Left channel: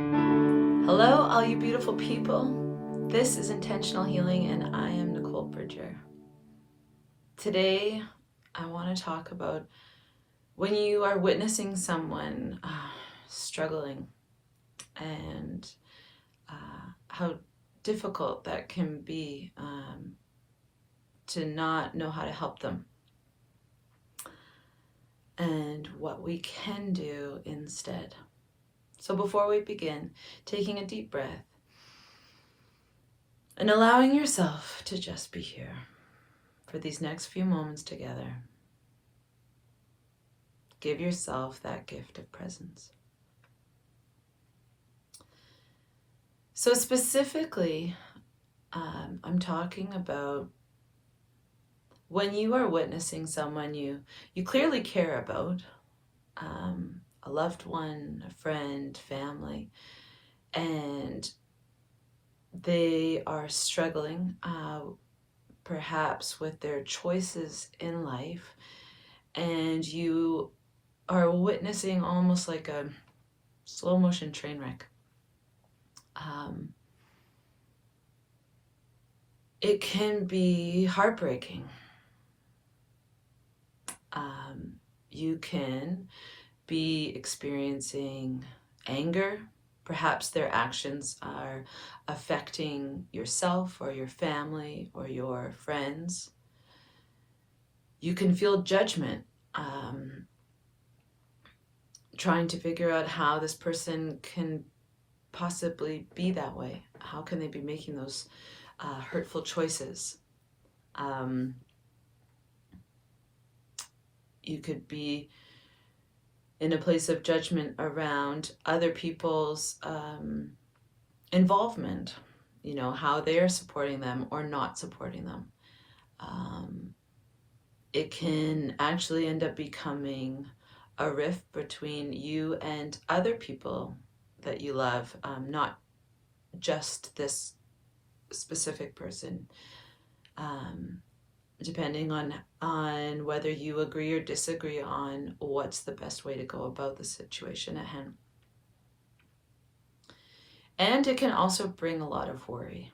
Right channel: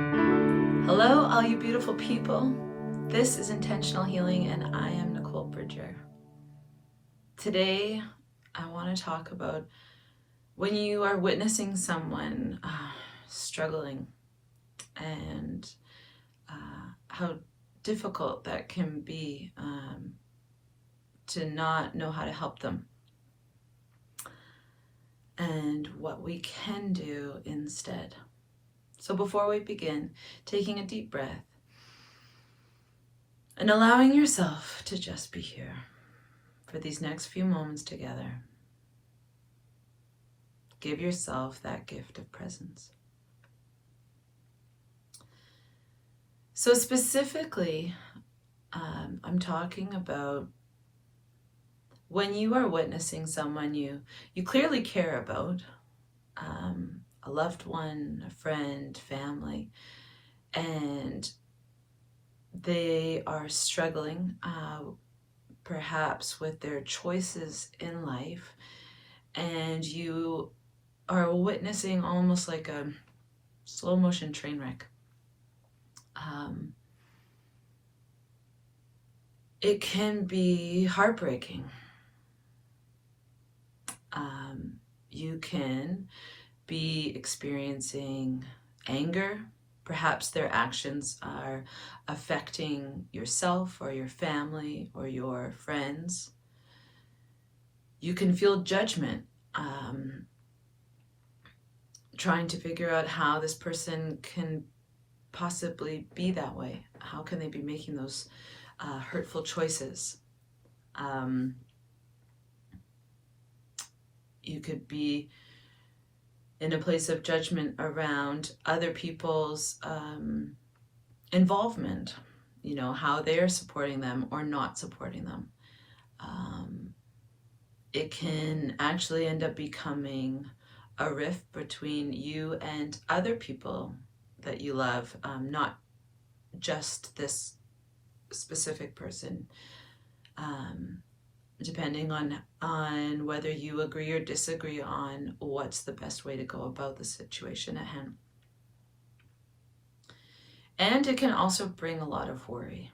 Hello, all you beautiful people. This is Intentional Healing, and I am Nicole Bridger. Today, I want to talk about when you are witnessing someone struggling and how difficult that can be to not know how to help them, and what we can do instead. So before we begin, taking a deep breath and allowing yourself to just be here for these next few moments together. Give yourself that gift of presence. So specifically, I'm talking about when you are witnessing someone you clearly care about, a loved one, a friend, family, and they are struggling perhaps with their choices in life, and you are witnessing almost like a slow motion train wreck. It can be heartbreaking. You can be experiencing anger. Perhaps their actions are affecting yourself or your family or your friends. You can feel judgment, trying to figure out how this person can possibly be that way. How can they be making those hurtful choices? You could be in a place of judgment around other people's involvement, how they're supporting them or not supporting them. It can actually end up becoming a rift between you and other people that you love, not just this specific person, depending on whether you agree or disagree on what's the best way to go about the situation at hand. And it can also bring a lot of worry.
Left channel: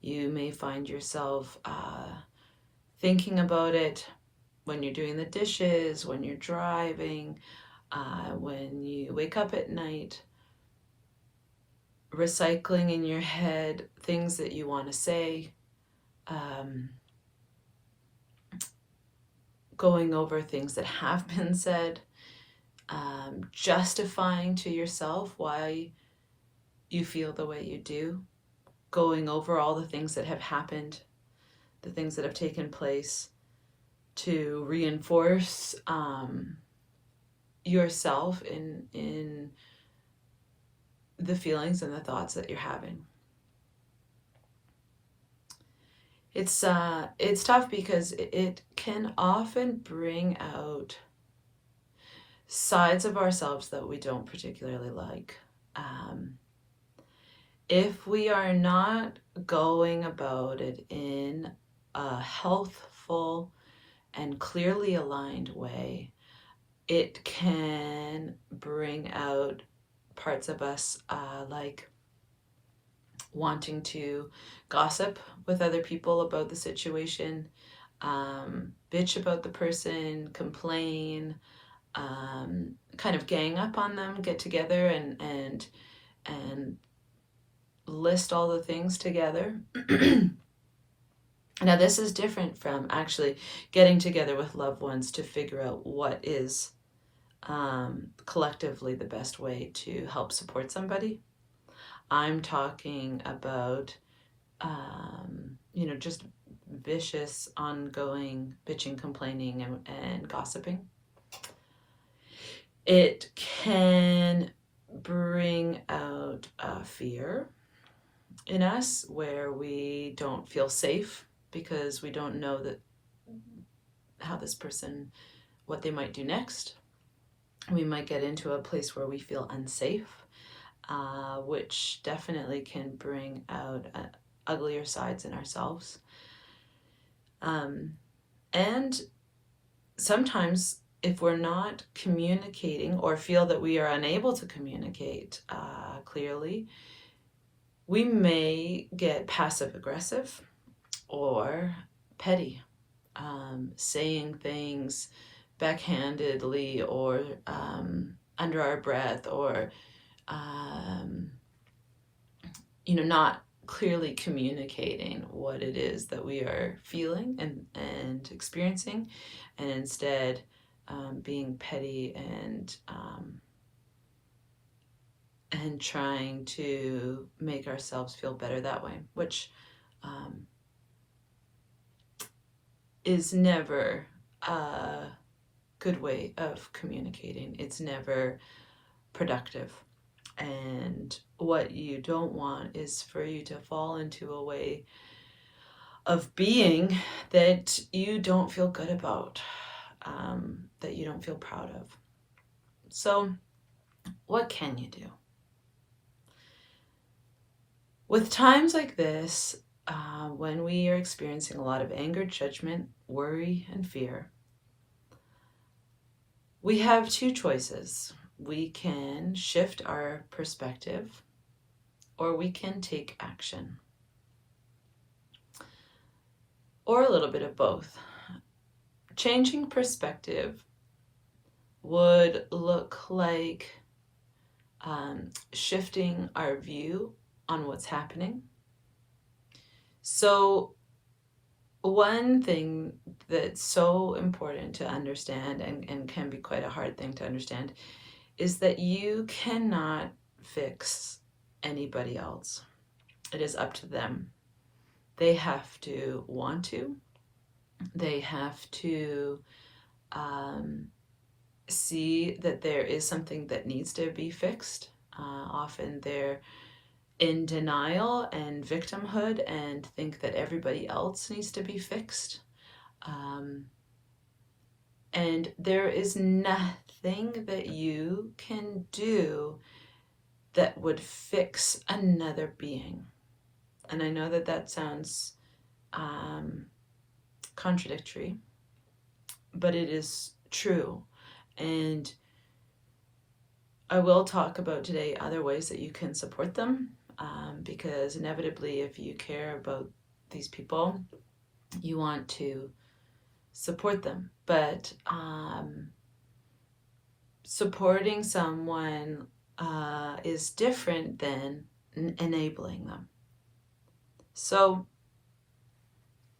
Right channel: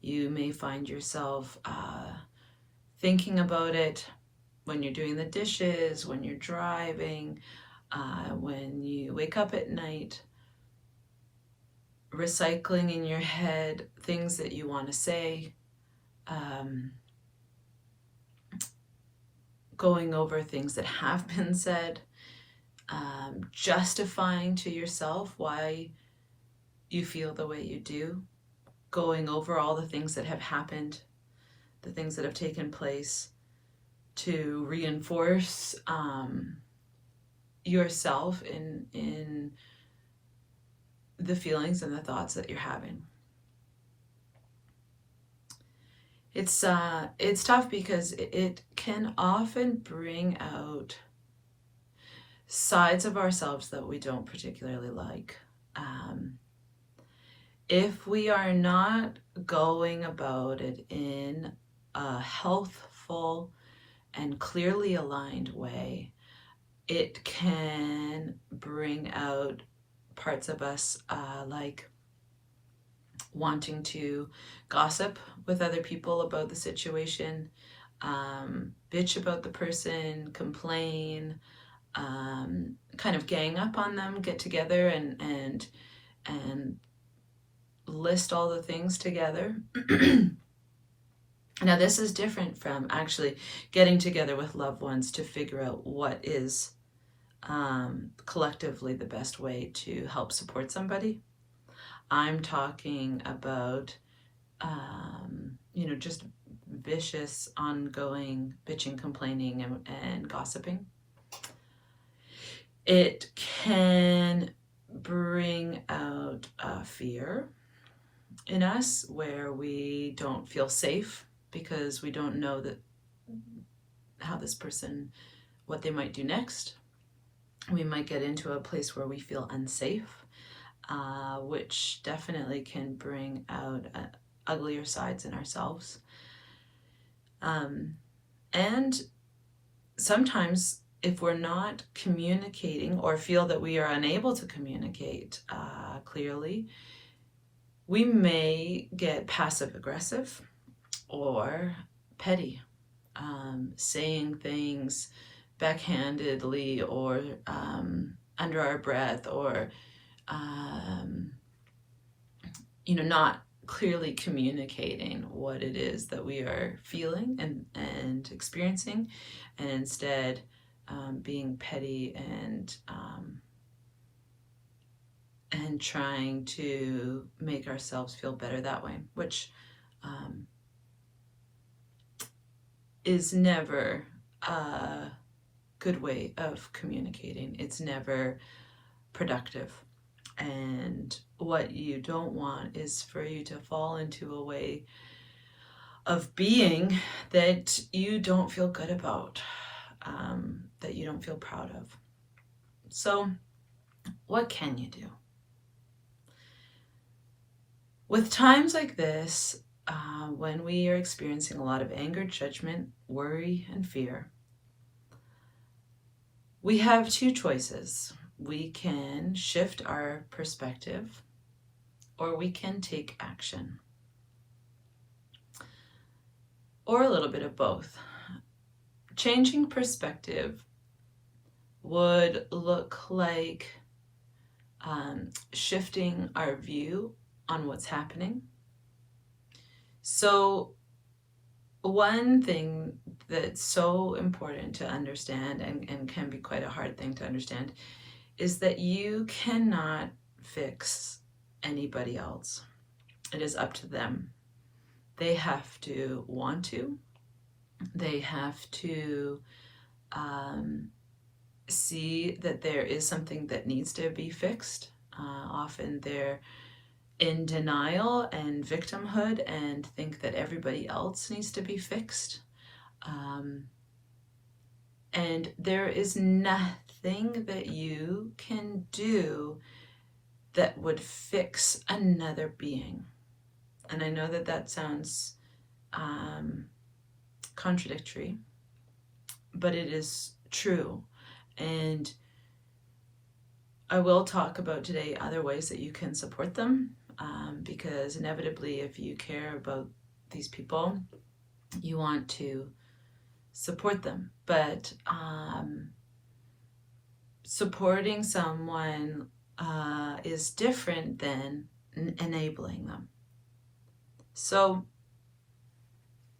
You may find yourself thinking about it when you're doing the dishes, when you're driving, when you wake up at night, recycling in your head things that you want to say, going over things that have been said, justifying to yourself why you feel the way you do, going over all the things that have happened, the things that have taken place, to reinforce yourself in the feelings and the thoughts that you're having. It's tough because it can often bring out sides of ourselves that we don't particularly like. If we are not going about it in a healthful and clearly aligned way, it can bring out parts of us like wanting to gossip with other people about the situation, bitch about the person, complain, kind of gang up on them, get together and list all the things together. Now, this is different from actually getting together with loved ones to figure out what is collectively the best way to help support somebody. I'm talking about just vicious, ongoing bitching, complaining, and gossiping. It can bring out fear in us, where we don't feel safe because we don't know how this person, what they might do next. We might get into a place where we feel unsafe, which definitely can bring out uglier sides in ourselves. And sometimes if we're not communicating or feel that we are unable to communicate clearly, we may get passive aggressive or petty, saying things backhandedly or under our breath, or not clearly communicating what it is that we are feeling and experiencing, and instead being petty and trying to make ourselves feel better that way, which is never a good way of communicating. It's never productive. And what you don't want is for you to fall into a way of being that you don't feel good about, that you don't feel proud of. So what can you do? With times like this, when we are experiencing a lot of anger, judgment, worry, and fear, we have two choices. We can shift our perspective, or we can take action, or a little bit of both. Changing perspective would look like shifting our view on what's happening. So one thing that's so important to understand, and can be quite a hard thing to understand, is that you cannot fix anybody else. It is up to them. They have to want to. They have to see that there is something that needs to be fixed. Often they're in denial and victimhood and think that everybody else needs to be fixed. And there is nothing that you can do that would fix another being. And I know that that sounds contradictory, but it is true. And I will talk about today other ways that you can support them, because inevitably, if you care about these people, you want to support them. But supporting someone is different than enabling them. So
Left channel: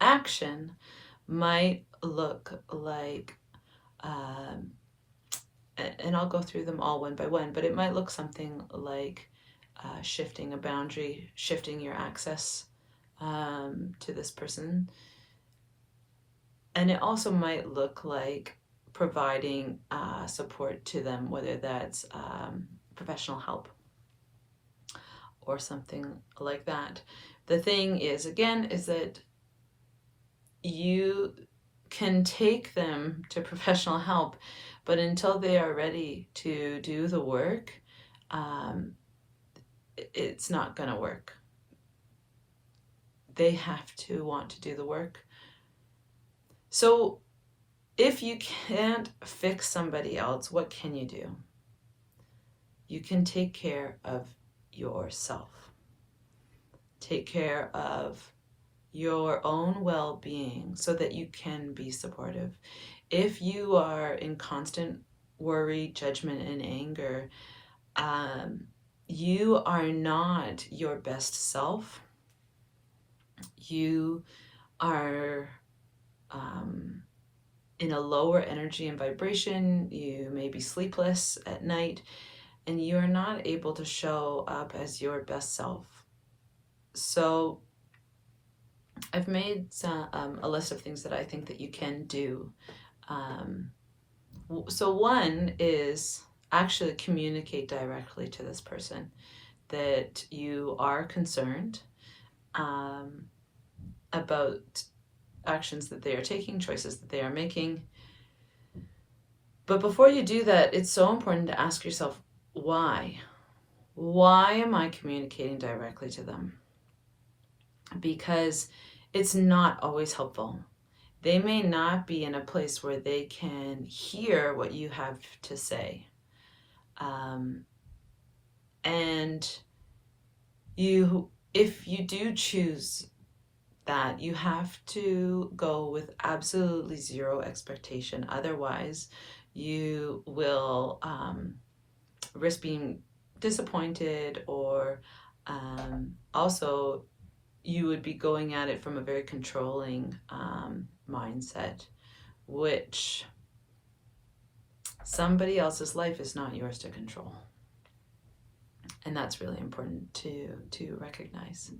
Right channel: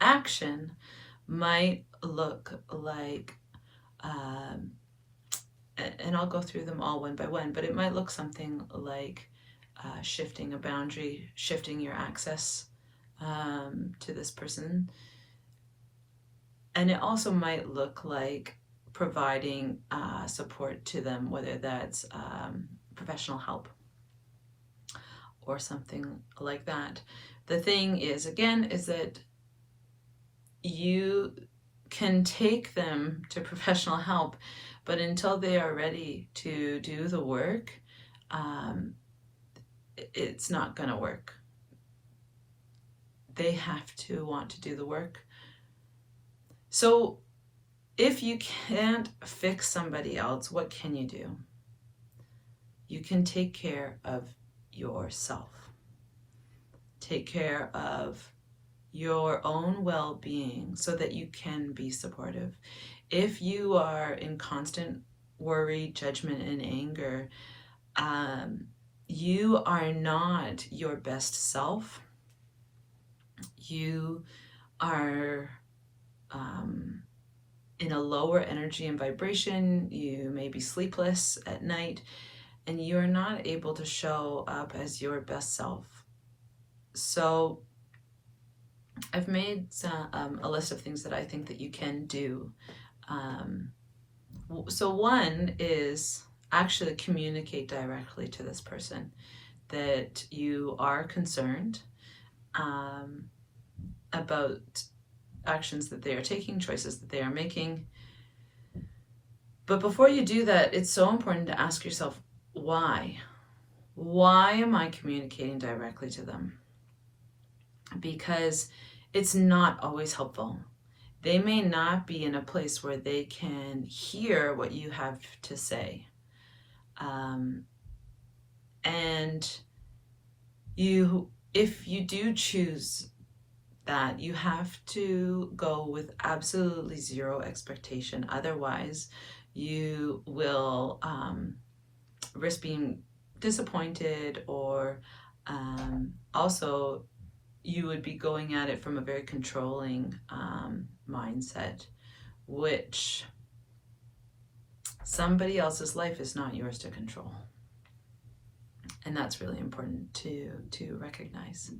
action might look like, and I'll go through them all one by one, but it might look something like shifting a boundary, shifting your access to this person. And it also might look like providing support to them, whether that's professional help or something like that. The thing is, again, is that you can take them to professional help, but until they are ready to do the work, it's not going to work. They have to want to do the work. So if you can't fix somebody else, what can you do? You can take care of yourself. Take care of your own well-being so that you can be supportive. If you are in constant worry, judgment, and anger, you are not your best self. You are in a lower energy and vibration. You may be sleepless at night, and you are not able to show up as your best self. So I've made a list of things that I think that you can do. So one is actually communicate directly to this person that you are concerned about actions that they are taking, choices that they are making. But before you do that, it's so important to ask yourself, why? Why am I communicating directly to them? Because it's not always helpful. they may not be in a place where they can hear what you have to say. And if you do choose that, you have to go with absolutely zero expectation. Otherwise, you will risk being disappointed, or also you would be going at it from a very controlling mindset, which somebody else's life is not yours to control. And that's really important to recognize.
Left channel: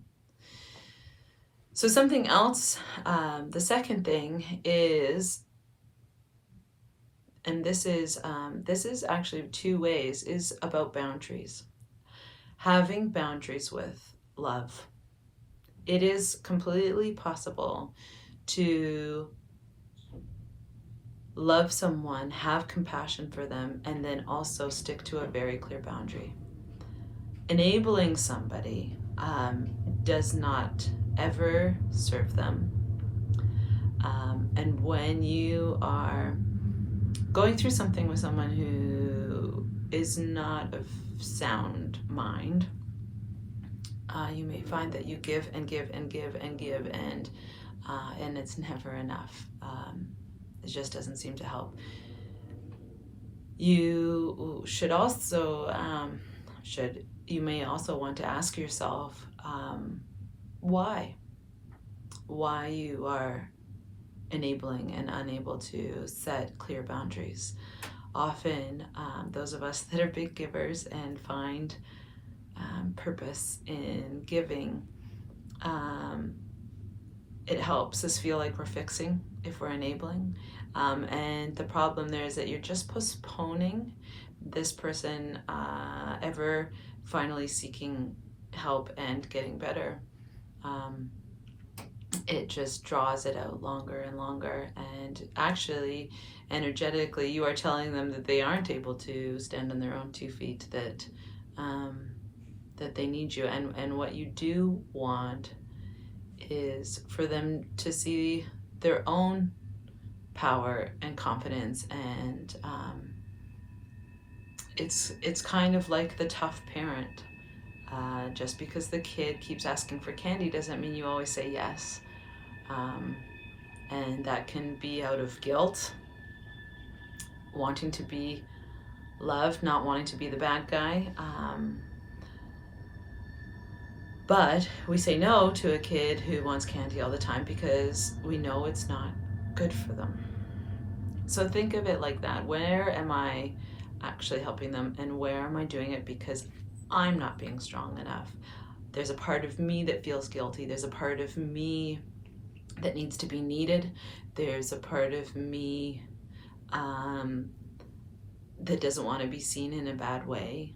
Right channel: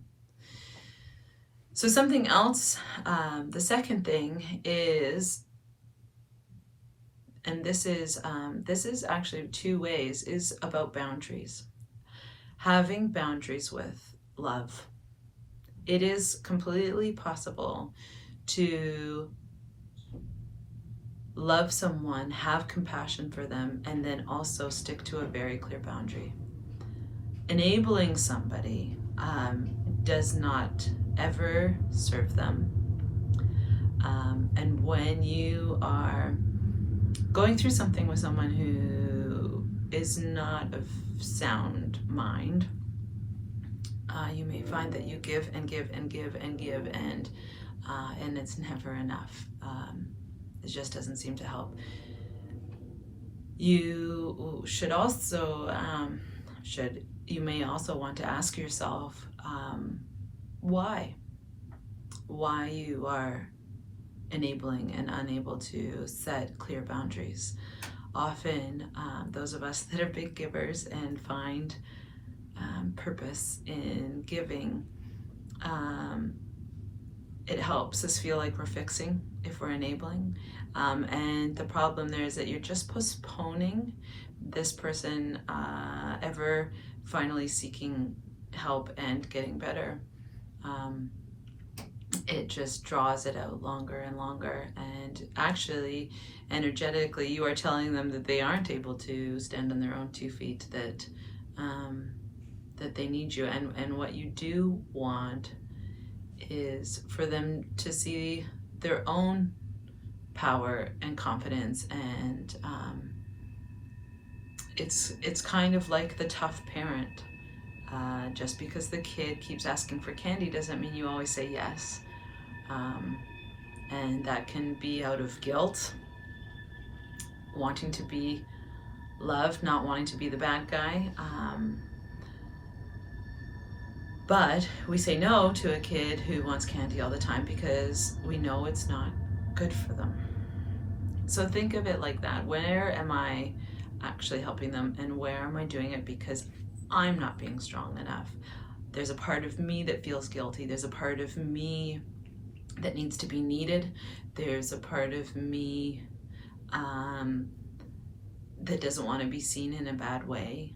So something else, the second thing is, and this is actually two ways, is about boundaries. Having boundaries with love. It is completely possible to love someone, have compassion for them, and then also stick to a very clear boundary. Enabling somebody does not ever serve them. And when you are going through something with someone who is not of sound mind, you may find that you give and give and give and give, and it's never enough. It just doesn't seem to help. You should also you may also want to ask yourself why you are enabling and unable to set clear boundaries. Often those of us that are big givers and find purpose in giving, it helps us feel like we're fixing if we're enabling, and the problem there is that you're just postponing this person ever finally seeking help and getting better. It just draws it out longer and longer, and actually energetically you are telling them that they aren't able to stand on their own 2 feet, that they need you. And what you do want is for them to see their own power and confidence, and it's kind of like the tough parent. Just because the kid keeps asking for candy doesn't mean you always say yes. And that can be out of guilt, wanting to be loved, not wanting to be the bad guy. But we say no to a kid who wants candy all the time because we know it's not good for them. So think of it like that. Where am I actually helping them, and where am I doing it because I'm not being strong enough? There's a part of me that feels guilty. There's a part of me that needs to be needed. There's a part of me that doesn't want to be seen in a bad way.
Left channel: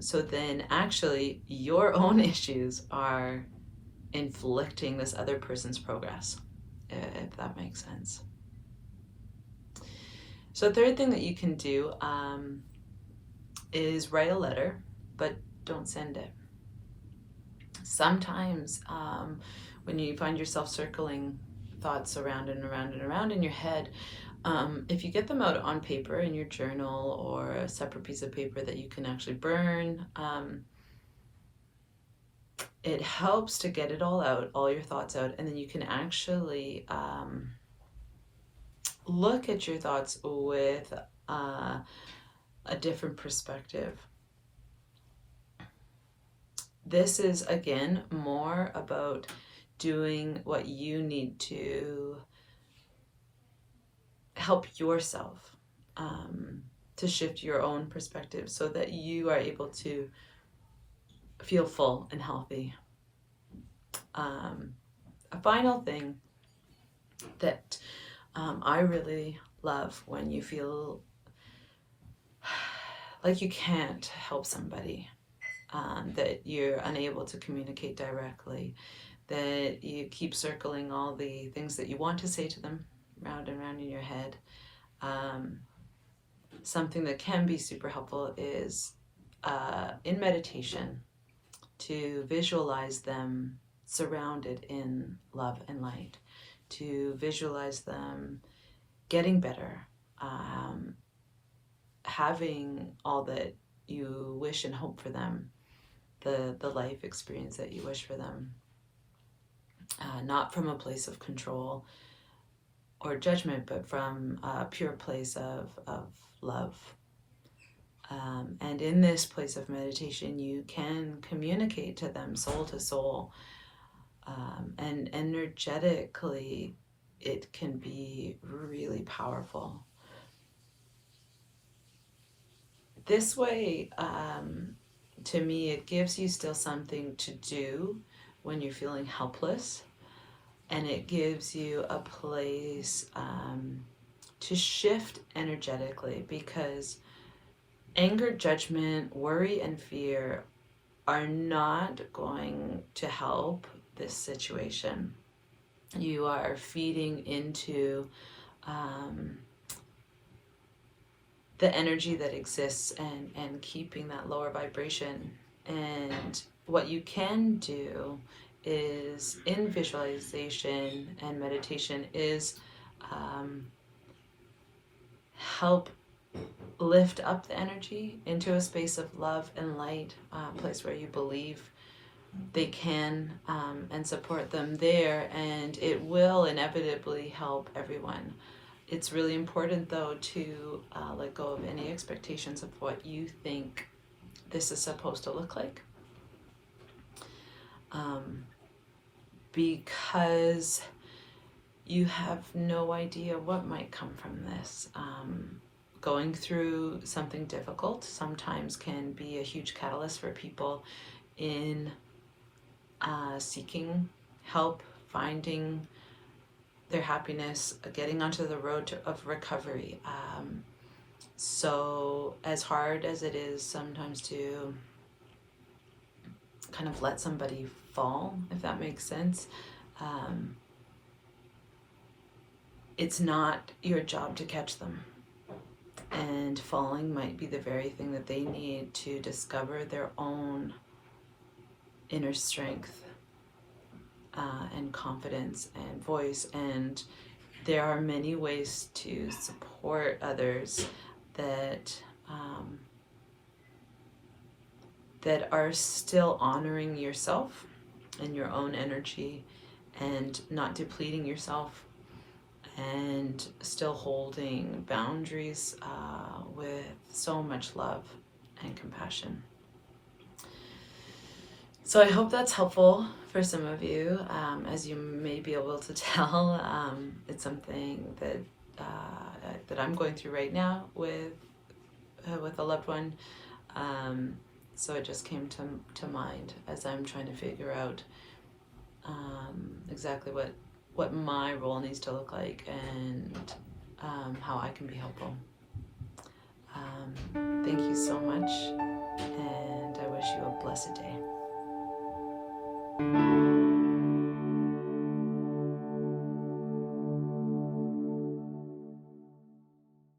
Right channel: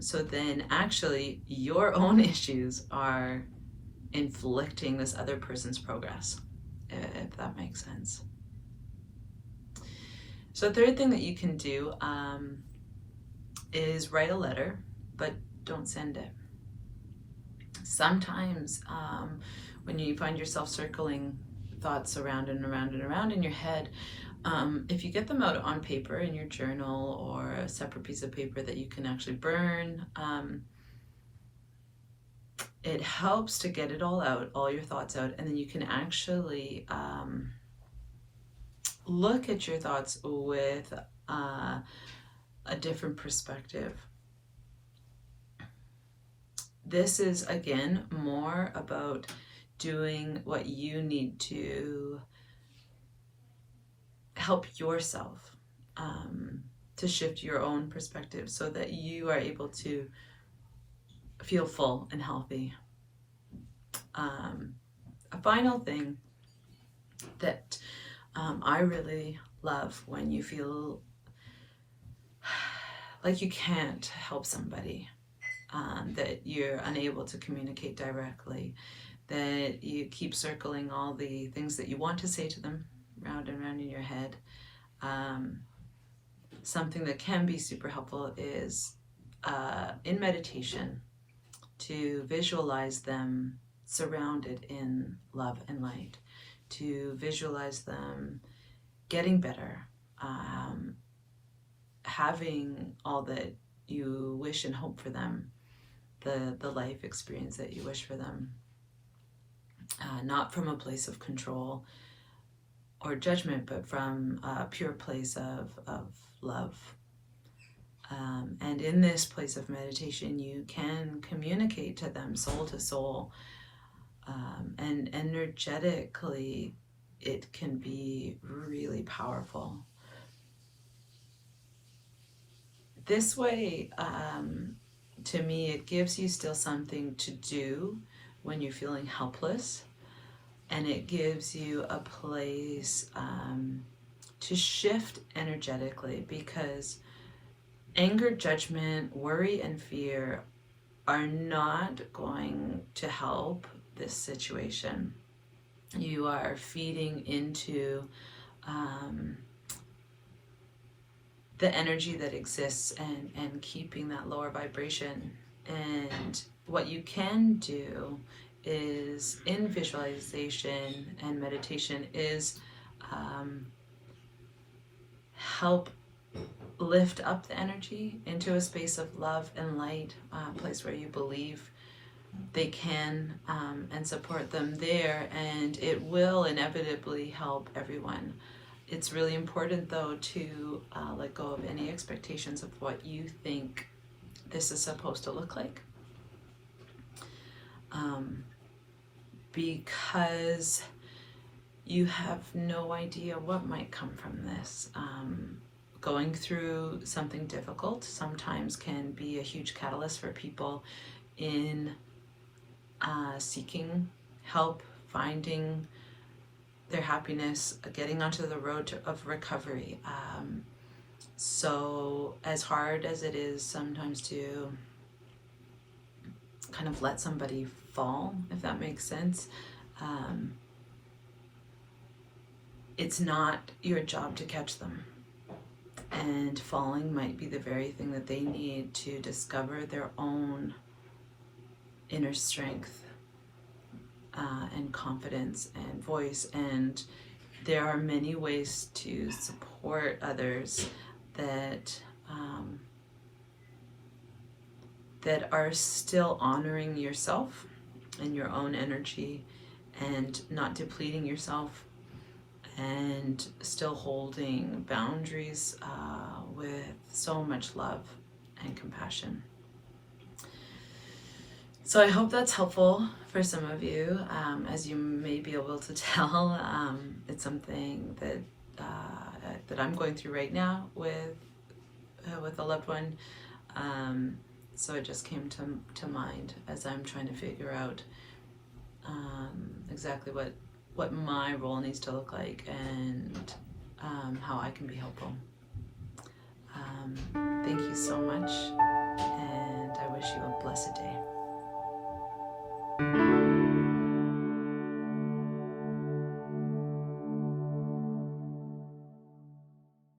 So then actually your own issues are inflicting this other person's progress, if that makes sense. So third thing that you can do is write a letter, but don't send it. Sometimes when you find yourself circling thoughts around and around and around in your head, if you get them out on paper in your journal or a separate piece of paper that you can actually burn, it helps to get it all out, all your thoughts out, and then you can actually look at your thoughts with a different perspective. This is, again, more about doing what you need to help yourself to shift your own perspective so that you are able to feel full and healthy. A final thing that I really love when you feel like you can't help somebody, that you're unable to communicate directly, that you keep circling all the things that you want to say to them round and round in your head. Something that can be super helpful is in meditation to visualize them surrounded in love and light. to visualize them getting better, having all that you wish and hope for them, the life experience that you wish for them, not from a place of control or judgment, but from a pure place of love. And in this place of meditation, you can communicate to them soul to soul, and energetically, it can be really powerful. This way, to me, it gives you still something to do when you're feeling helpless, and it gives you a place to shift energetically, because anger, judgment, worry, and fear are not going to help this situation. You are feeding into the energy that exists and keeping that lower vibration. And what you can do is, in visualization and meditation, is help lift up the energy into a space of love and light, a place where you believe they can, and support them there, and it will inevitably help everyone. It's really important, though, to let go of any expectations of what you think this is supposed to look like, because you have no idea what might come from this. Going through something difficult sometimes can be a huge catalyst for people in seeking help, finding their happiness, getting onto the road of recovery. So as hard as it is sometimes to kind of let somebody fall, if that makes sense, it's not your job to catch them. And falling might be the very thing that they need to discover their own inner strength, and confidence and voice. And there are many ways to support others that that are still honoring yourself and your own energy, and not depleting yourself, and still holding boundaries with so much love and compassion. So I hope that's helpful for some of you. As you may be able to tell, it's something that that I'm going through right now with a loved one. So it just came to mind as I'm trying to figure out exactly what my role needs to look like, and how I can be helpful. Thank you so much, and I wish you a blessed day.